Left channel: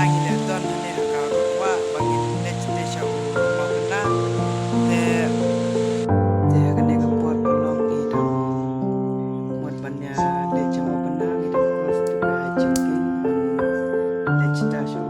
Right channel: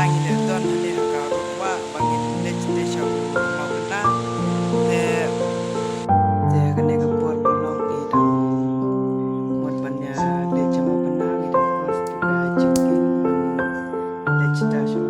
mentang ini don ini kalau wa bangin destination mau benar te te kene ke port pelong idam mon banya de cemo benar idam kos juga jengking destination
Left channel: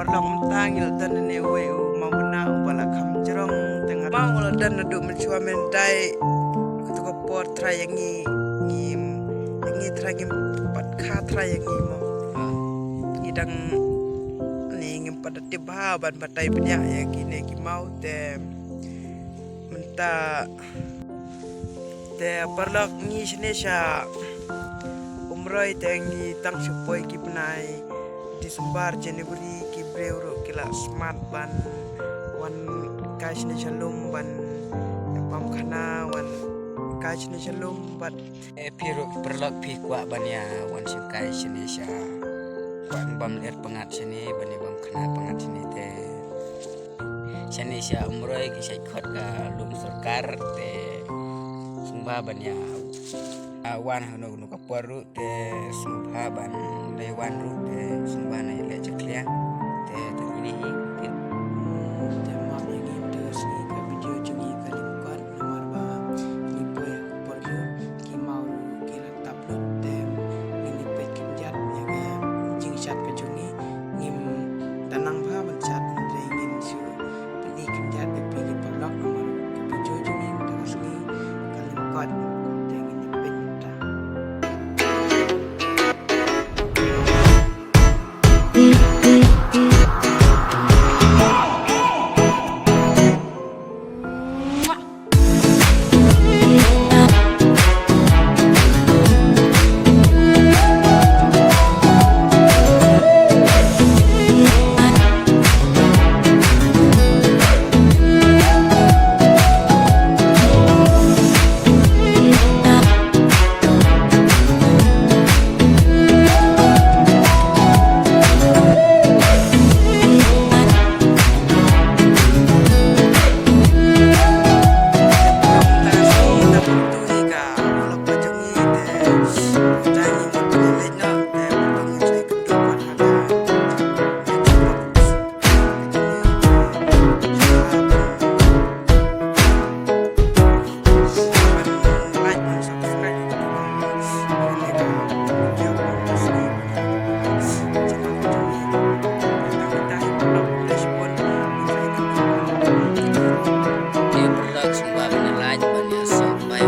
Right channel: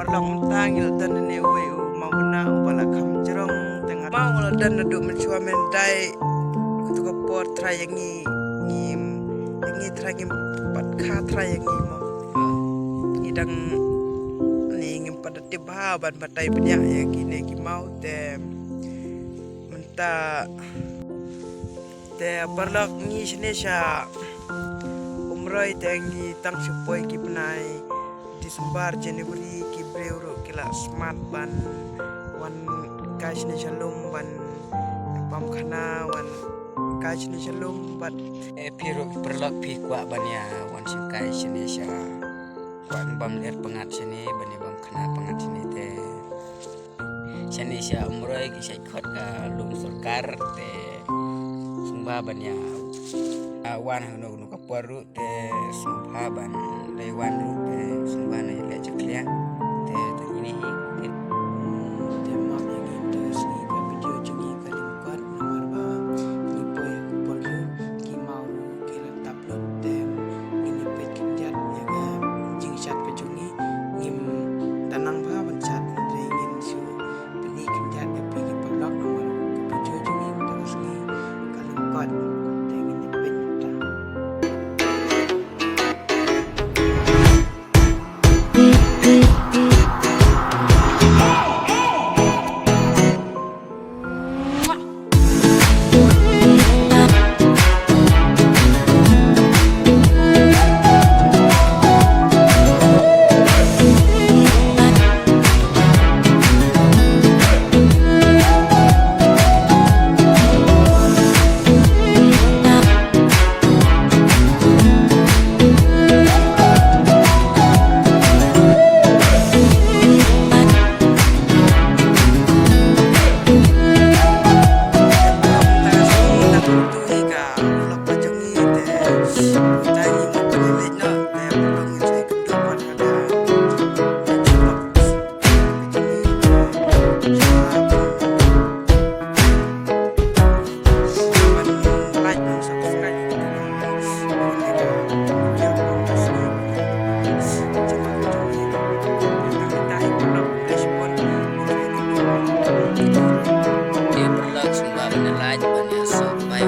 perlong mentang il dan ne we mau benar bala kam jerong tengah mau dan duduk mencuba mendai ketua port trayangi ngim yangi trayangi pat kha trayangi mau ngidang ni ngim pada tiba ban batai banyak ya kini ki mau te menta te perlok ni sinesha umroi te ngi tang supoi ki benai Disembar Januari ki breuro kila smart ban wan kashne shalom ban pam khana wan kashne shalom bat piro perlak pi kwa ban ya wan sim kashne sha wan bam let pangat sini ban bam khana pangat sini te sini sha umroi ki sai khot ka lum sarkar te sumba ban ya wan hanu nu ka paru te sumba ban dai wan ru te sumba na le chaklia te ini te map yang im te sni ka video jungi ka lingkot nomor ba ni poy porjo ki mau ki la upload te ini page kinjat ya ga jing chat ka jungi ngim danang ba ban chat re ngin su peni kinjat te pi ki blog nomor ka video jungi te sni ka lingkot te ngin page ta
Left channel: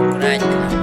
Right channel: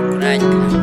กรายขนาด